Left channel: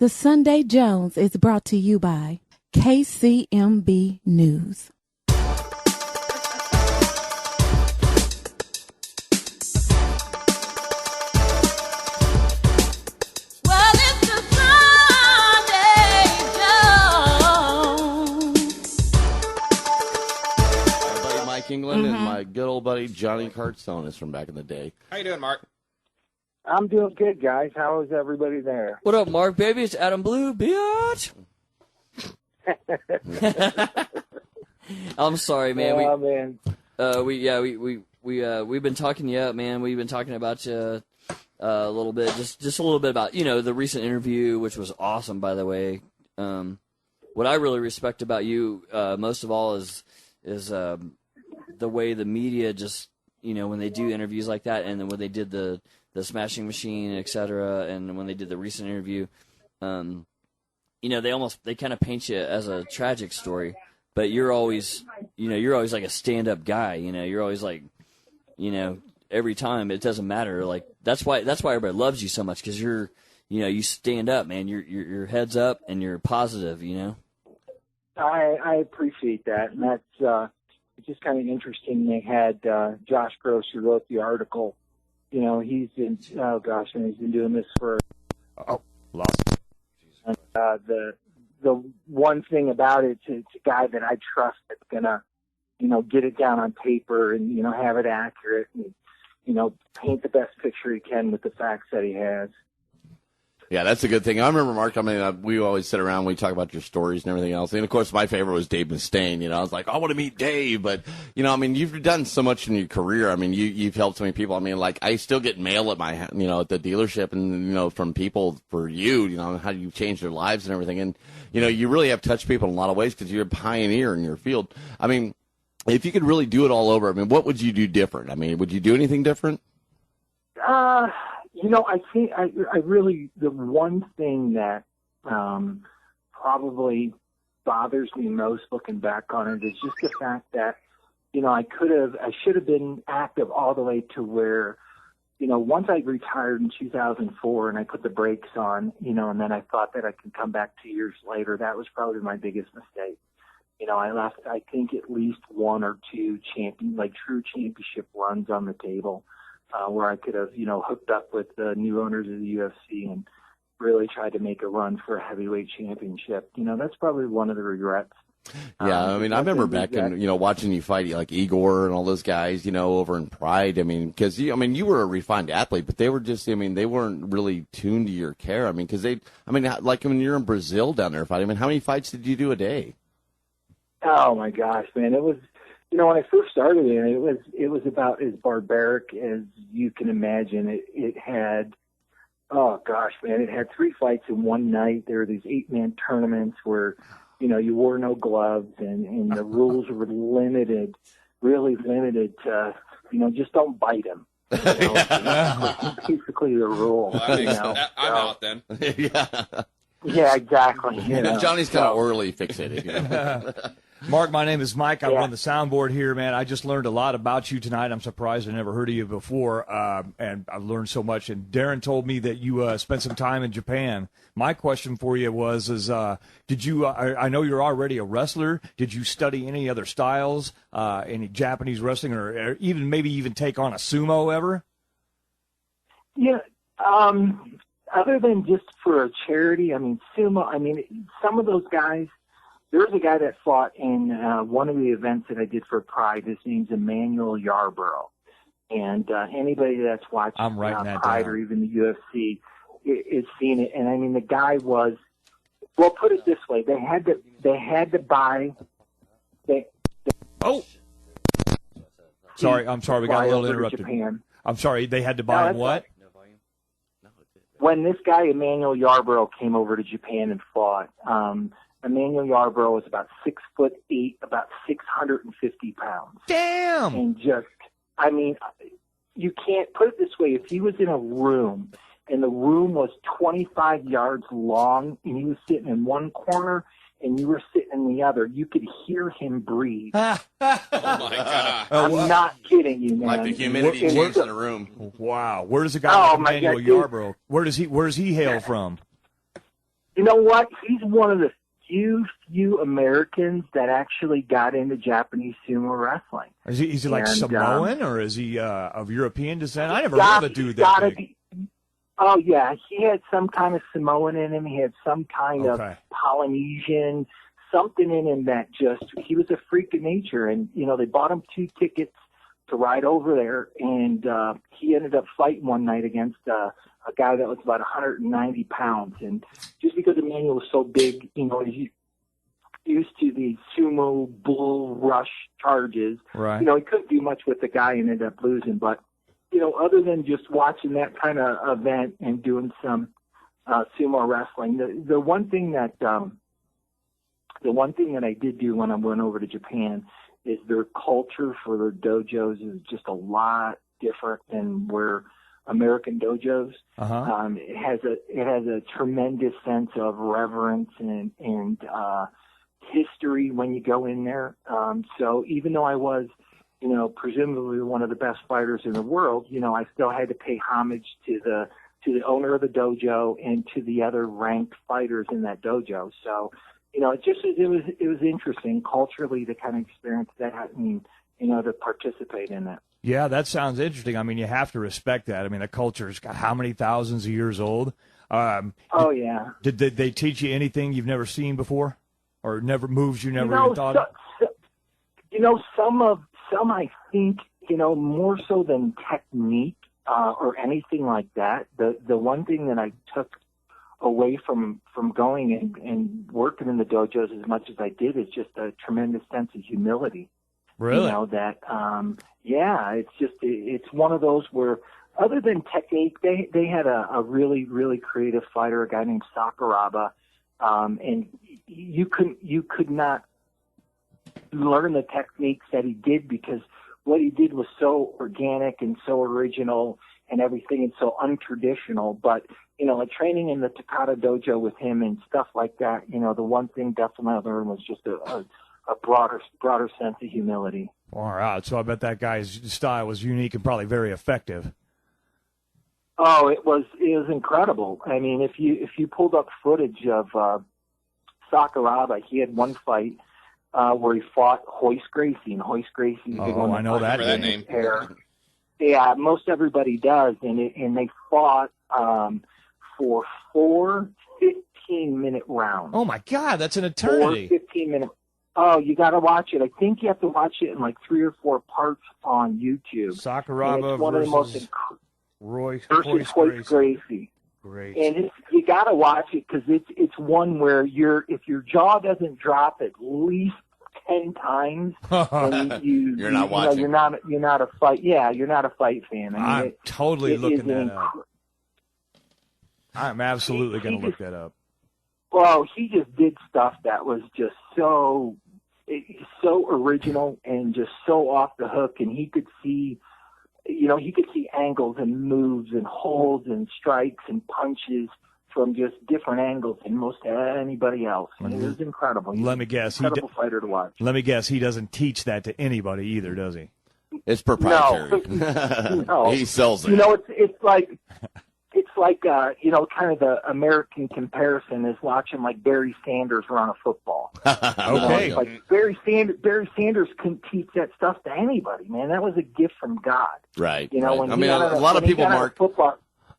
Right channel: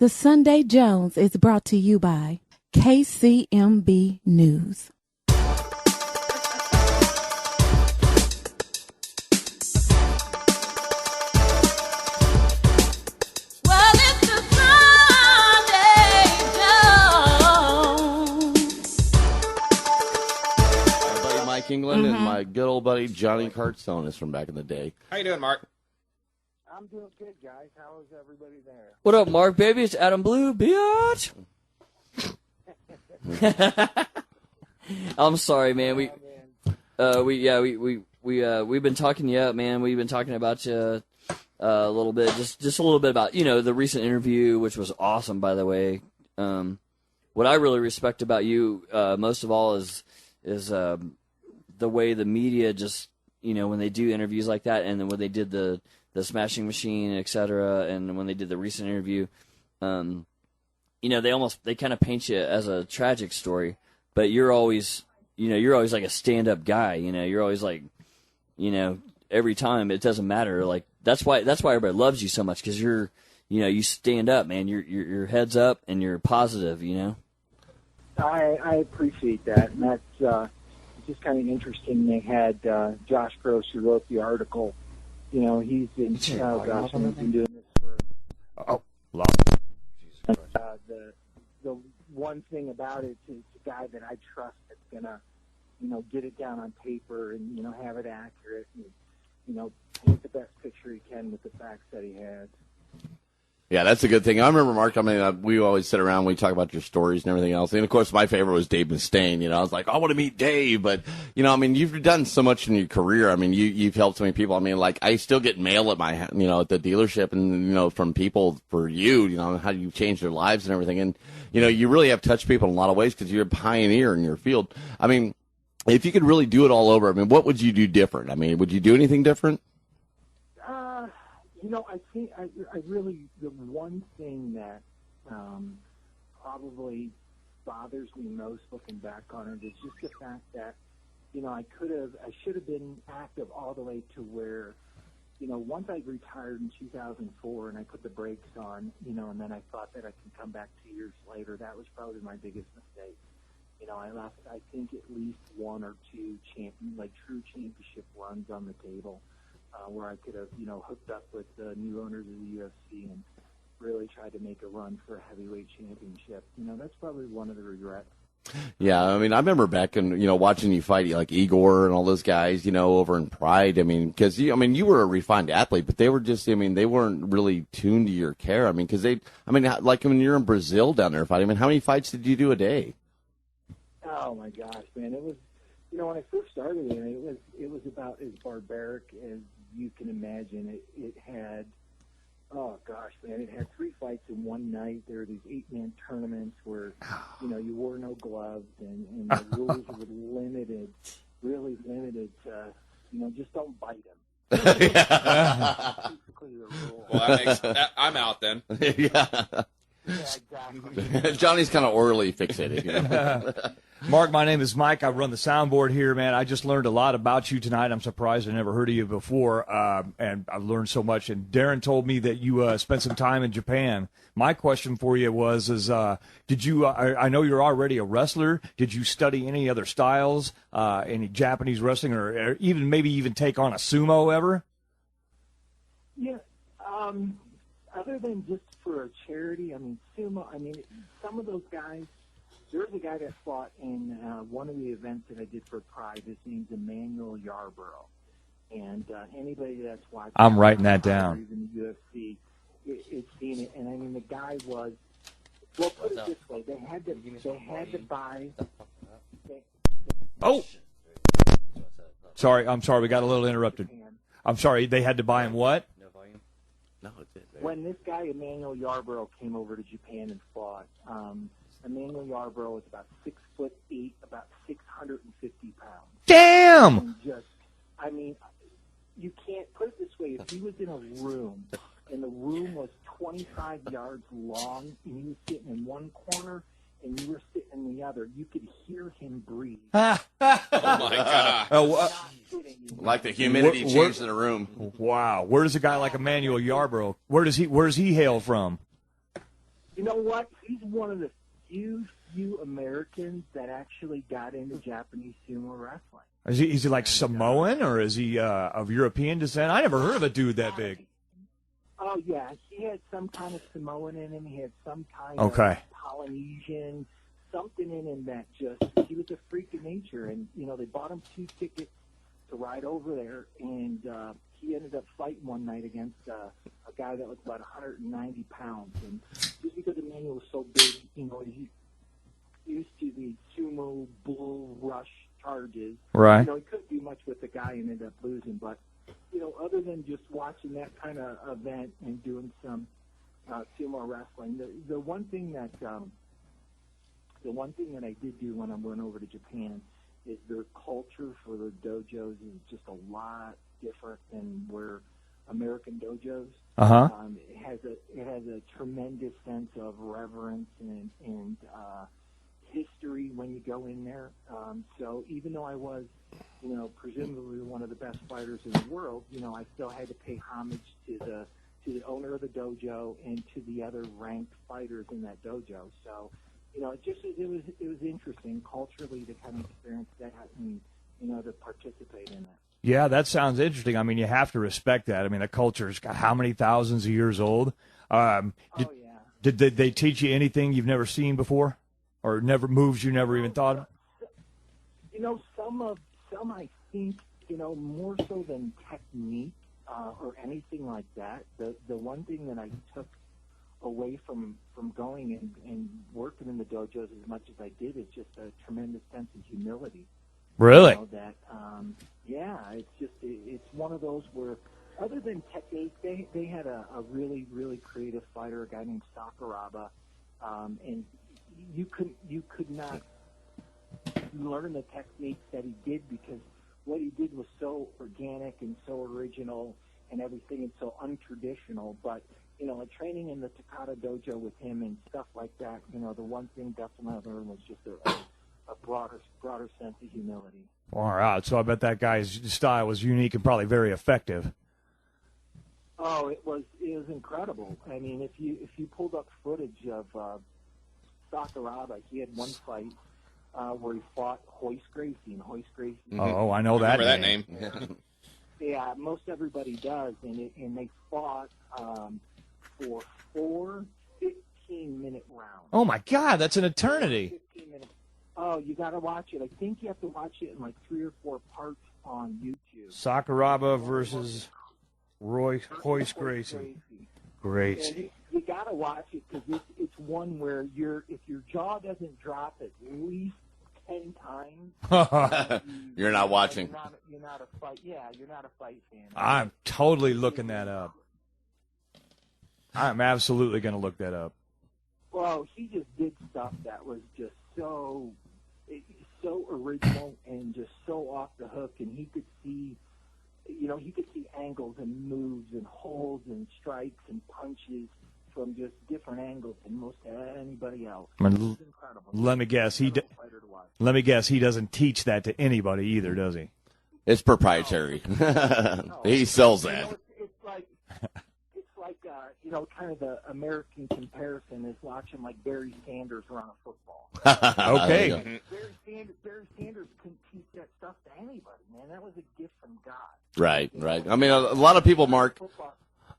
The Sunday Jones is brought to you by KCMB News. England and my good old buddy Johnny Cartstone is from back in the day. How you doing, Mark? I'm doing good, guys. How is everybody there? What up, Mark, baby? It's Adam Blue, bitch. I'm sorry, man. We've been talking you up, man. We've been talking about you a little bit, just a little bit about the recent interview, which was awesome, by the way. What I really respect about you most of all is the way the media just, when they do interviews like that, and then when they did the Smashing Machine, etc., and when they did the recent interview, they kind of paint you as a tragic story, but you're always like a stand-up guy, you're always like, every time it doesn't matter, like that's why everybody loves you so much, because you stand up, man, your head's up and you're positive, I appreciate that, and that's just kind of interesting. They had Josh Gross, who wrote the article. He's been doing this for. Lost. The one thing about it's a guy that I trust that's gonna, get it down on paper and have it accurate and paint the best picture he can with the facts that he has. Yeah, that's a good thing. I remember, Mark, we always sit around, we talk about your stories and everything else. And, of course, my favorite was Dave Mustaine. I was like, I want to meet Dave. But, you've done so much in your career. You've helped so many people. I still get mail at my, at the dealership and, from people for you, how you changed their lives and everything. And, you really have touched people in a lot of ways because you're a pioneer in your field. If you could really do it all over, what would you do different? Would you do anything different? I think I really, the one thing that probably bothers me most looking back on it is just the fact that, I should have been active all the way to where, once I retired in 2004 and I put the brakes on, and then I thought that I could come back 2 years later, that was probably my biggest mistake. I left, I think, at least one or two true championship runs on the table. Where I could have, hooked up with the new owners of the UFC and really tried to make a run for a heavyweight championship. That's probably one of the regrets. Yeah, I remember back in, watching you fight like Igor and all those guys, over in Pride. Because, you were a refined athlete, but they were just, they weren't really tuned to your care. Because like when you're in Brazil down there fighting, how many fights did you do a day? Oh, my gosh, man. It was, when I first started it was about as barbaric as you can imagine. It had, oh gosh, man, it had 3 fights in one night. There were these 8-man tournaments where, you wore no gloves and the rules were limited, really limited to, just don't bite him. Basically the rule. Well, I'm out then. Yeah, exactly. Johnny's kind of orally fixated. Mark, my name is Mike. I run the soundboard here, man. I just learned a lot about you tonight. I'm surprised I never heard of you before, and I learned so much. And Darren told me that you spent some time in Japan. My question for you did you? I know you're already a wrestler. Did you study any other styles, any Japanese wrestling, or maybe take on a sumo ever? Yeah. Other than just for a charity, sumo. Some of those guys. There's a guy that fought in one of the events that I did for Pride. His name's Emmanuel Yarborough. And anybody that's watching I'm writing that Pride down. Or even the UFC is seeing it. And the guy was, well, put it this way: they had to buy. Sorry, I'm sorry. We got a little interrupted. Japan. I'm sorry. They had to buy him what? No volume? No, it's it. When this guy Emmanuel Yarborough came over to Japan and fought. Emmanuel Yarborough was about 6'8", about 650 pounds. Damn! And you can't put it this way. If he was in a room and the room was 25 yards long and he was sitting in one corner and you were sitting in the other, you could hear him breathe. Oh, my God. I'm not kidding you, man. Like the humidity changed in the room. Wow. Where does a guy like Emmanuel Yarborough, where does he hail from? You know what? He's one of the few Americans that actually got into Japanese sumo wrestling. Is he like And, Samoan, or is he of European descent? I never heard of a dude that big. Oh, yeah. He had some kind of Samoan in him. He had some kind of Polynesian, something in him that he was a freak of nature. And, they bought him 2 tickets to ride over there, and he ended up fighting one night against a guy that was about 190 pounds. And just because Emmanuel was so big, he's used to the sumo bull rush charges. Right. He couldn't do much with the guy and ended up losing. But, other than just watching that kind of event and doing some sumo wrestling, the one thing that I did do when I went over to Japan is their culture for their dojos is just a lot different than where American dojos. It has a tremendous sense of reverence and history when you go in there. So even though I was, presumably one of the best fighters in the world, I still had to pay homage to the owner of the dojo and to the other ranked fighters in that dojo. So, it was interesting culturally to kind of experience that and, to participate in that. Yeah, that sounds interesting. I mean, you have to respect that. I mean, the culture's got how many thousands of years old? Yeah. Did they teach you anything you've never seen before, or moves you never even thought of? Some I think, more so than technique or anything like that. The one thing that I took away from going and working in the dojos as much as I did is just a tremendous sense of humility. Really? It's one of those where, other than technique, they had a really, really creative fighter, a guy named Sakuraba, and you could not learn the techniques that he did because what he did was so organic and so original and everything and so untraditional. But, training in the Takata dojo with him and stuff like that, the one thing definitely I learned was just a broader sense of humility. All right. So I bet that guy's style was unique and probably very effective. Oh, it was incredible. I mean, if you pulled up footage of Sakuraba, he had one fight where he fought Hoist Gracie, and Hoist Gracie. Oh, I know that name. Yeah, most everybody does, and they fought for 4 15-minute rounds. Oh my God, that's an eternity. 15-minute. Oh, you got to watch it. I think you have to watch it in like 3 or 4 parts on YouTube. Sakuraba versus Hoist Gracie. Great. And you got to watch it because it's one where if your jaw doesn't drop at least 10 times, you're not watching. You're not a fight. Yeah, you're not a fight fan. I'm totally looking that up. I'm absolutely going to look that up. Well, he just did stuff that was just so original and just so off the hook, and he could see angles and moves and holds and strikes and punches from just different angles than most anybody else. It was incredible. Let me guess, incredible fighter to watch. Let me guess, he doesn't teach that to anybody either, does he? It's proprietary. No. He sells it. It's like kind of the American comparison is watching like Barry Sanders run a football. Okay. Like Barry Sanders couldn't teach that stuff to anybody, man. That was a gift from God. Right. Right. I mean, a lot of people, Mark.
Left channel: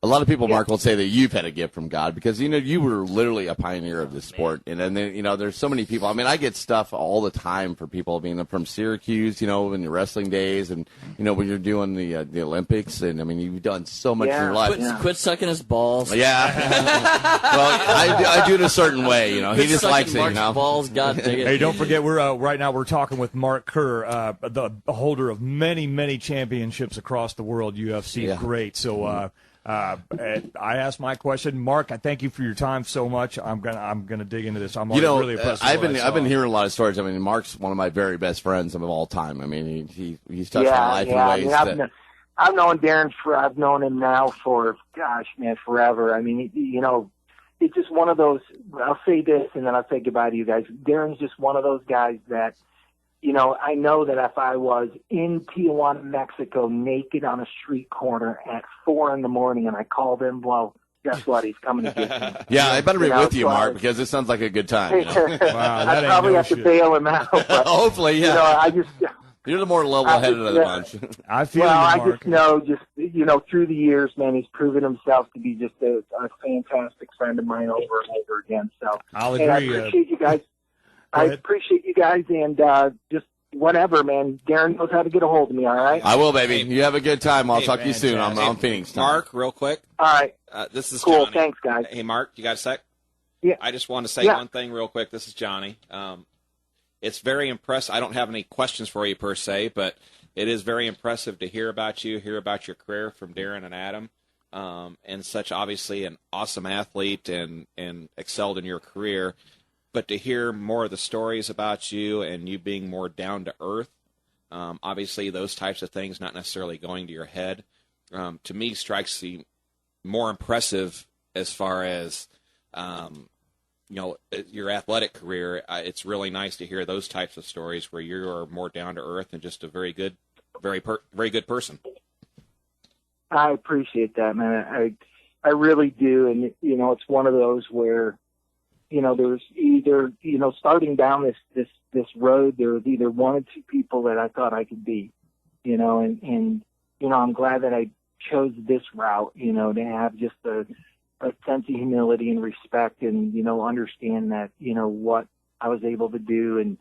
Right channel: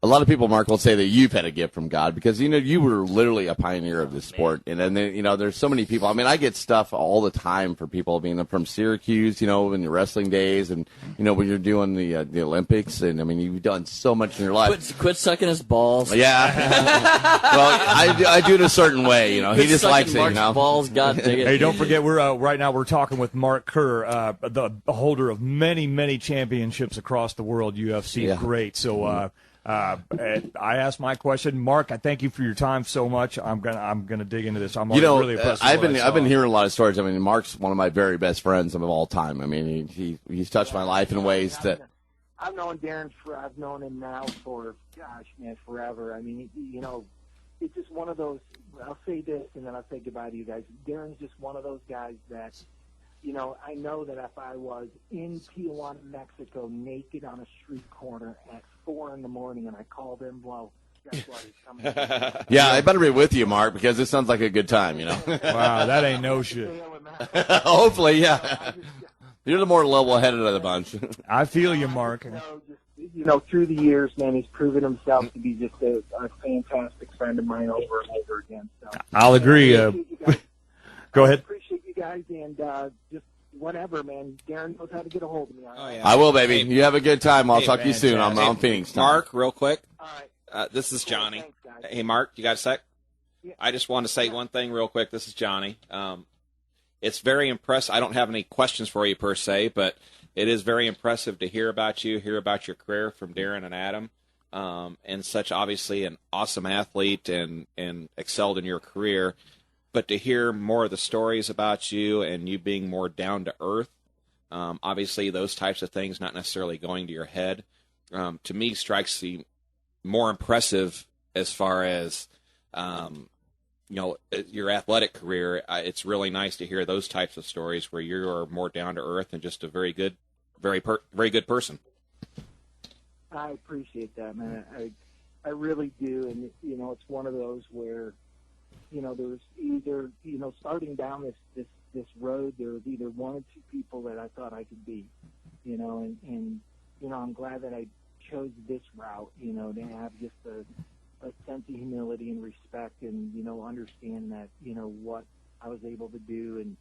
Mark, will say that you've had a gift from God because, you were literally a pioneer of this sport. And then, there's so many people. I mean, I get stuff all the time for people, from Syracuse, in your wrestling days and, when you're doing the Olympics. And, I mean, you've done so much in your life. Quit sucking his balls. Yeah. Well, I do it a certain way, He just likes it, Mark's balls, God dang it. Hey, don't forget, right now we're talking with Mark Kerr, the holder of many, many championships across the world, UFC. Yeah. Great. So, I asked my question, Mark. I thank you for your time so much. I'm gonna dig into this. I'm really impressed. I've been hearing a lot of stories. I mean, Mark's one of my very best friends of all time. I mean, he's touched my life in ways that. I've known Darren I've known him now for forever. I mean, it's just one of those. I'll say this and then I'll say goodbye to you guys. Darren's just one of those guys that. I know that if I was in Tijuana, Mexico, naked on a street corner at 4 a.m. and I called him, well, guess what? He's coming to get me. Yeah, I better be with you, so Mark, because it sounds like a good time. You know. Wow, that I ain't probably no have to shit. bail him out. But, Hopefully, yeah. I just. You're the more level-headed of the bunch. I feel Well, you, I Mark. just know, through the years, man, he's proven himself to be just a fantastic friend of mine over and over again. So I'll agree. I appreciate you guys. Go ahead. Appreciate you guys, and just whatever, man. Darren knows how to get a hold of me. All right. I will, baby. You have a good time. I'll Hey, talk to you soon. I'm fantastic. on Phoenix time. Mark, real quick. All right. This is Cool. Johnny. Thanks, guys. Hey, Mark, you got a sec? Yeah. I just want to say one thing real quick. This is Johnny. It's very impressive. I don't have any questions for you per se, but it is very impressive to hear about you, hear about your career from Darren and Adam, and such obviously an awesome athlete and excelled in your career. But to hear more of the stories about you and you being more down to earth, obviously those types of things not necessarily going to your head, to me strikes the more impressive as far as your athletic career. It's really nice to hear those types of stories where you are more down to earth and just a very good person. I appreciate that, man. I really do, and it's one of those where, there's either, starting down this road, there was either one or two people that I thought I could be, and I'm glad that I chose this route, to have just a sense of humility and respect, and understand that what I was able to do and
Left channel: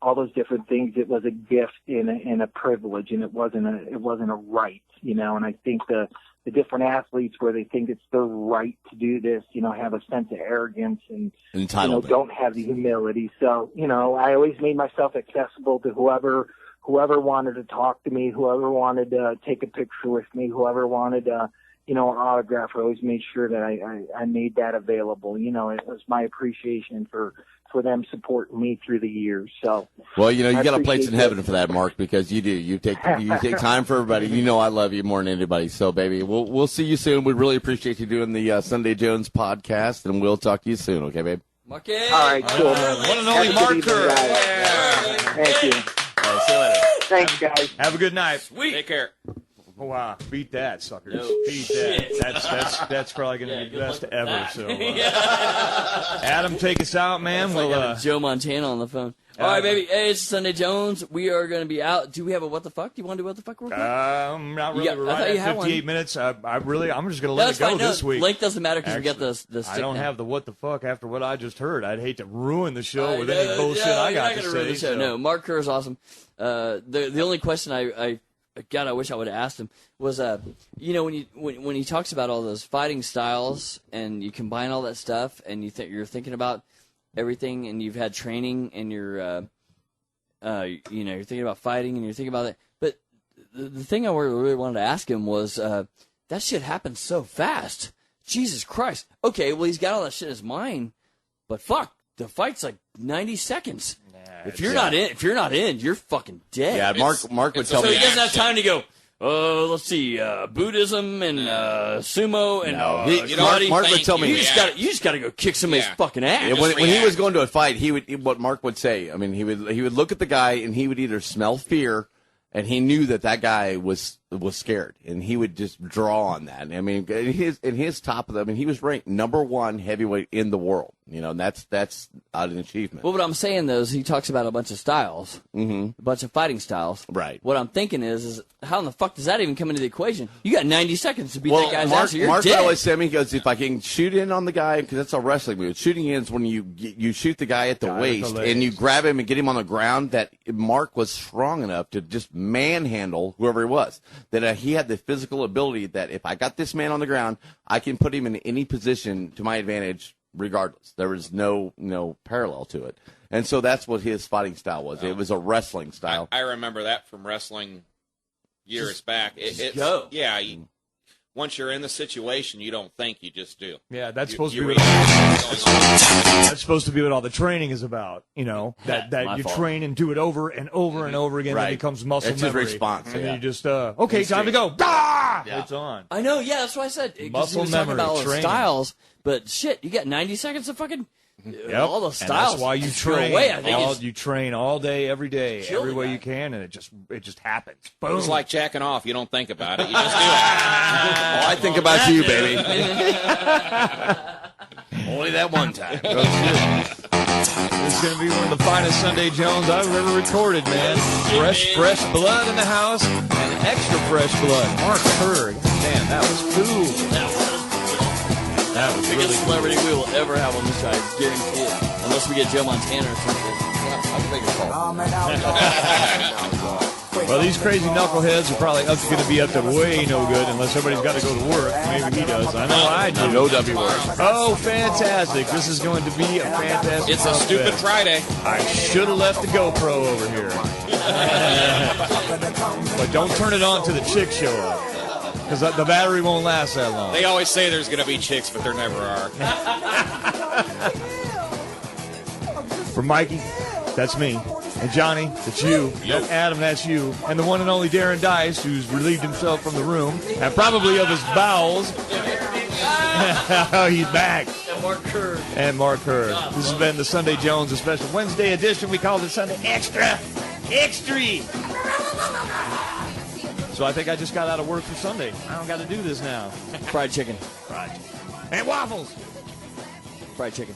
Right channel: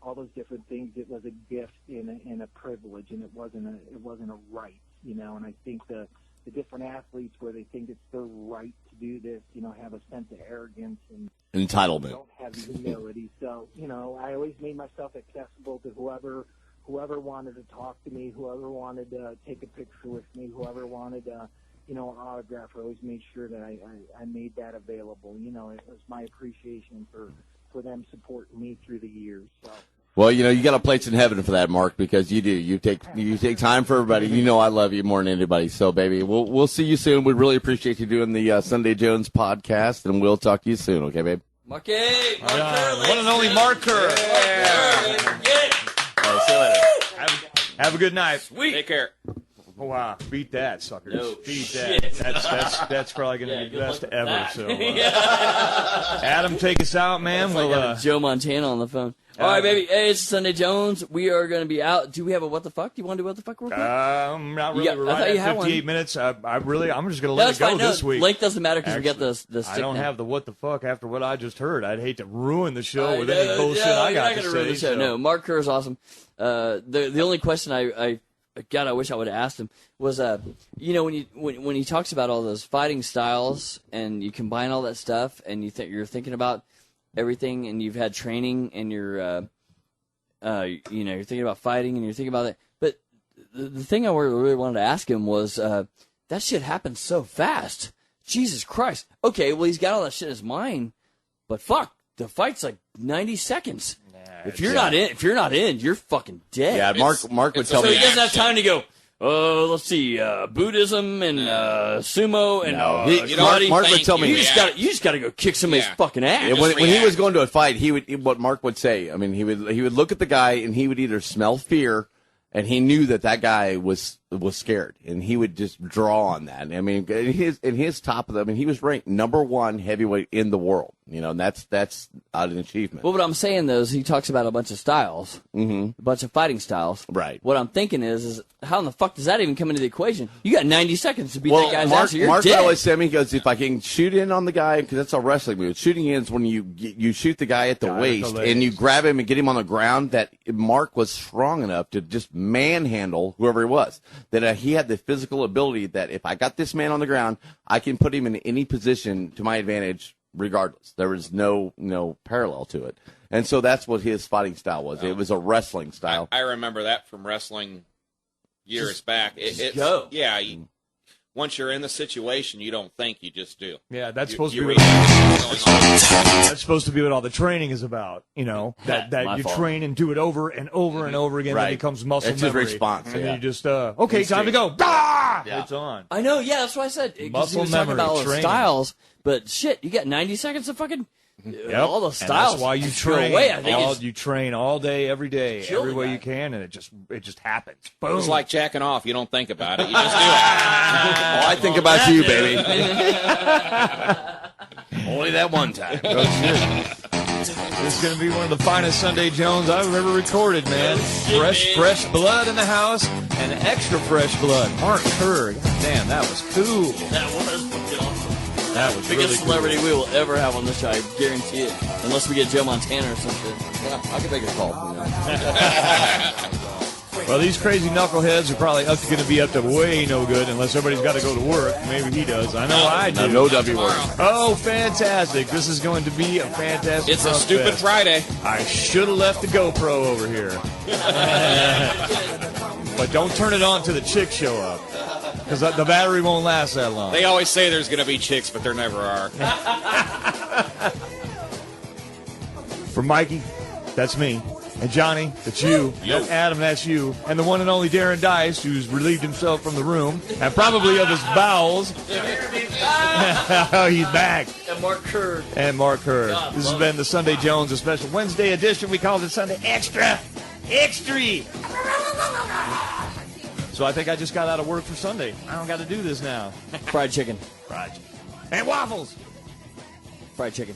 all those different things. It was a gift and a privilege, and it wasn't a right, and I think the different athletes where they think it's their right to do this, have a sense of arrogance and Entitlement. Don't have the humility. So I always made myself accessible to whoever wanted to talk to me, whoever wanted to take a picture with me, whoever wanted an autograph. I always made sure that I made that available. It was my appreciation for them supporting me through the years. So, well, you got a place in heaven for that, Mark, because you do. You take time for everybody. I love you more than anybody. So, baby, we'll see you soon. We really appreciate you doing the Sunday Jones podcast, and we'll talk to you soon. Okay, babe? Marky. all right, cool. One and only Mark Kerr. Thank you. See you later. Thanks, guys. Have a good night. Sweet. Take care. Oh, wow. Beat that, suckers. No Beat shit. that. That's probably going to be good the best luck with ever. that. So, Adam, take us out, man. I got Joe Montana on the phone. All right, baby. Hey, it's Sunday Jones. We are going to be out. Do we have a what the fuck? Do you want to do what the fuck real quick? Not really. Yeah, We're I right thought you at had one. 58 minutes. I'm just going to let That's it go fine. No, this week. length doesn't matter because we got the stick I don't now. have the what the fuck after what I just heard. I'd hate to ruin the show with No, any bullshit I you're got not to gonna say. ruin the show. so- No, Mark Kerr is awesome. The only question I wish I would have asked him was, when he talks about all those fighting styles and you combine all that stuff and you're thinking about everything and you've had training and you're thinking about fighting and you're thinking about that. But the thing I really wanted to ask him was, that shit happens so fast. Jesus Christ. Okay, well he's got all that shit in his mind, but fuck, the fight's like 90 seconds. If you're not in, you're fucking dead. Yeah, Mark would tell So me. he doesn't have time to go, let's see, Buddhism and sumo and karate. Mark would tell me. You just got to go kick somebody's fucking ass. Yeah, when he was going to a fight, what Mark would say. I mean, he would look at the guy and he would either smell fear, and he knew that guy was scared, and he would just draw on that. I mean, in his top of the, I mean, he was ranked #1 heavyweight in the world. And that's an achievement. Well, what I'm saying though is he talks about a bunch of styles, a bunch of fighting styles. Right. What I'm thinking is how in the fuck does that even come into the equation? You got 90 seconds to beat that guy's Mark, ass, or you're Mark dead. always said me, he goes, if I can shoot in on the guy, because that's a wrestling move. Shooting in is when you shoot the guy at the waist and you grab him and get him on the ground. That Mark was strong enough to just manhandle whoever he was. That he had the physical ability that if I got this man on the ground, I can put him in any position to my advantage regardless. There was no parallel to it. And so that's what his fighting style was. It was a wrestling style. I remember that from wrestling years back. It's go. Yeah. Once you're in the situation, you don't think, you just do. Yeah, that's You- supposed to you be realize what's going on. that's supposed to be what all the training is about. That My you fault. train and do it over and over and over again. Right. It becomes muscle It's his memory. response, And yeah. you just okay, time to go. Ah! Yeah. It's on. I know, yeah, that's what I said. 'Cause he Muscle was talking memory, about all the training. styles, but shit, you got 90 seconds of fucking all the And styles. that's why you throw train. away. I think You train all day, every day, Kill every the way guy. you can, and it just happens. Boom. It's like jacking off. You don't think about it. You just do it. Oh, I think about you, baby. Only that one time. It's going to be one of the finest Sunday Jones I've ever recorded, man. Fresh blood in the house, and extra fresh blood. Mark Kerr, damn, that was cool. That was biggest really celebrity we will ever have on this show. I guarantee it. Unless we get Joe Montana or something. Yeah, I can make a call. Well, these crazy knuckleheads are probably going to be up to way no good unless somebody's got to go to work. Maybe he does. I know I do. No W word. Oh, fantastic. This is going to be a fantastic It's a Fest. stupid Friday. I should have left the GoPro over here. But don't turn it on till the chicks show up. Because the battery won't last that long. They always say there's going to be chicks, but there never are. For Mikey, that's me. And Johnny, that's you. Yo. And Adam, that's you. And the one and only Darren Dice, who's relieved himself from the room, and probably of his bowels. He's back. And Mark Kerr. And Mark Kerr. This has been the Sunday Jones, a special Wednesday edition. We called it Sunday Extra. Extra. So I think I just got out of work for Sunday. I don't got to do this now. Fried chicken. Fried chicken. And waffles. Fried chicken.